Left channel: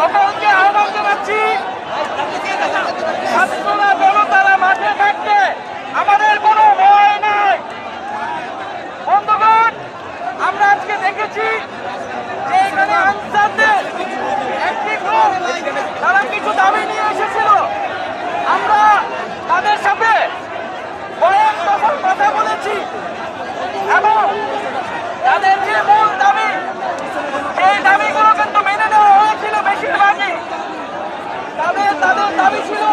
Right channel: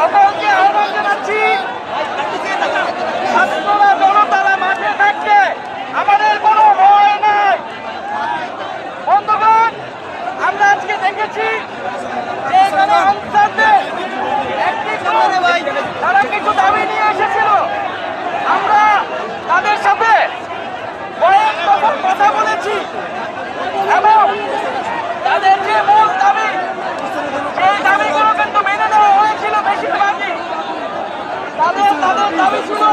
সকলকে আহ্বান জানাচ্ছি। ছাত্ররা জনতারা মাঠে থাকতে আমাদের কোনো ভয় নাই। বন্ধুগণ, আমরা আজকে দেখেছি যে এখানে আনসারদের দাবি ছিল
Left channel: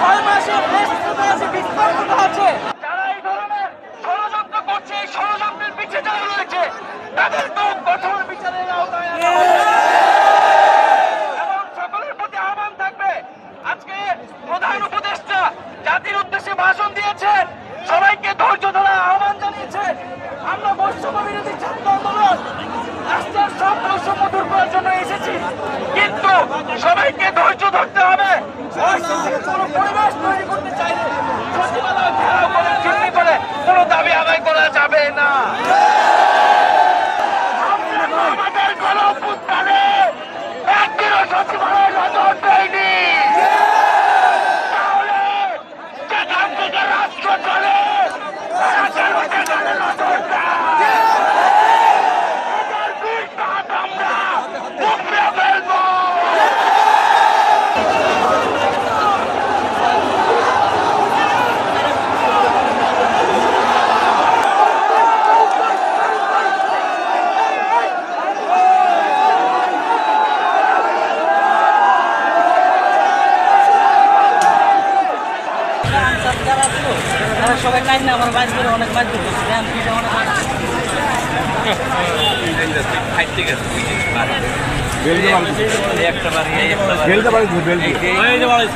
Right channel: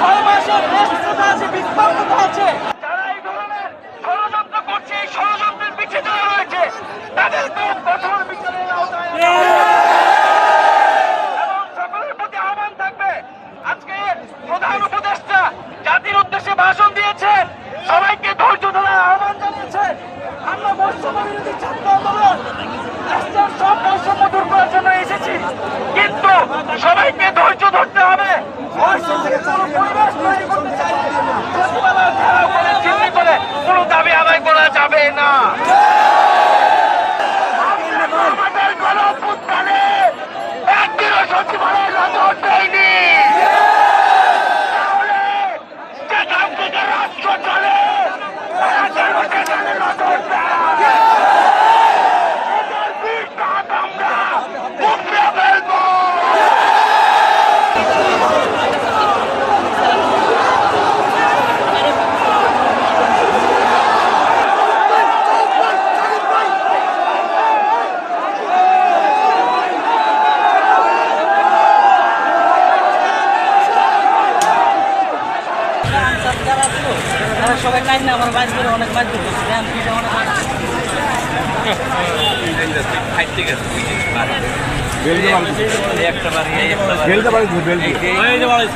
ছয় মাসের রেস্টটা আছে বিক্ষোভটা আছে যারা এই ধরনের ষড়যন্ত্র করছে, এই ষড়যন্ত্রের রয়েছে তাদেরকেও কঠোর বিচারের আওতায় এবং সকলের প্রতি আহ্বান থাকবে, আজকে প্রধান উপদেষ্টা জাতির উদ্দেশ্যে ভাষণ দিয়েছেন, সবাইকে ধৈর্য ধরার আহ্বান জানিয়েছেন। আমরা বৈষম্য বিরোধী ছাত্র আন্দোলন, রাষ্ট্রের সব বৈষম্য দূর করার এসেছি। কিন্তু সবাইকে ধৈর্য ধরতে হবে অশিক্ষিত কোনো পরিবেশ কোনো দাবি আদায় করা যাবে না। আমাদের গণপুত্তালে একদিনও সচিবালয় নজর দেয়নি। তারা সবাই কাজ না আমার বাজ করে অনেক বাজ করতেছে একটা বাড়ি একটা বাড়ি।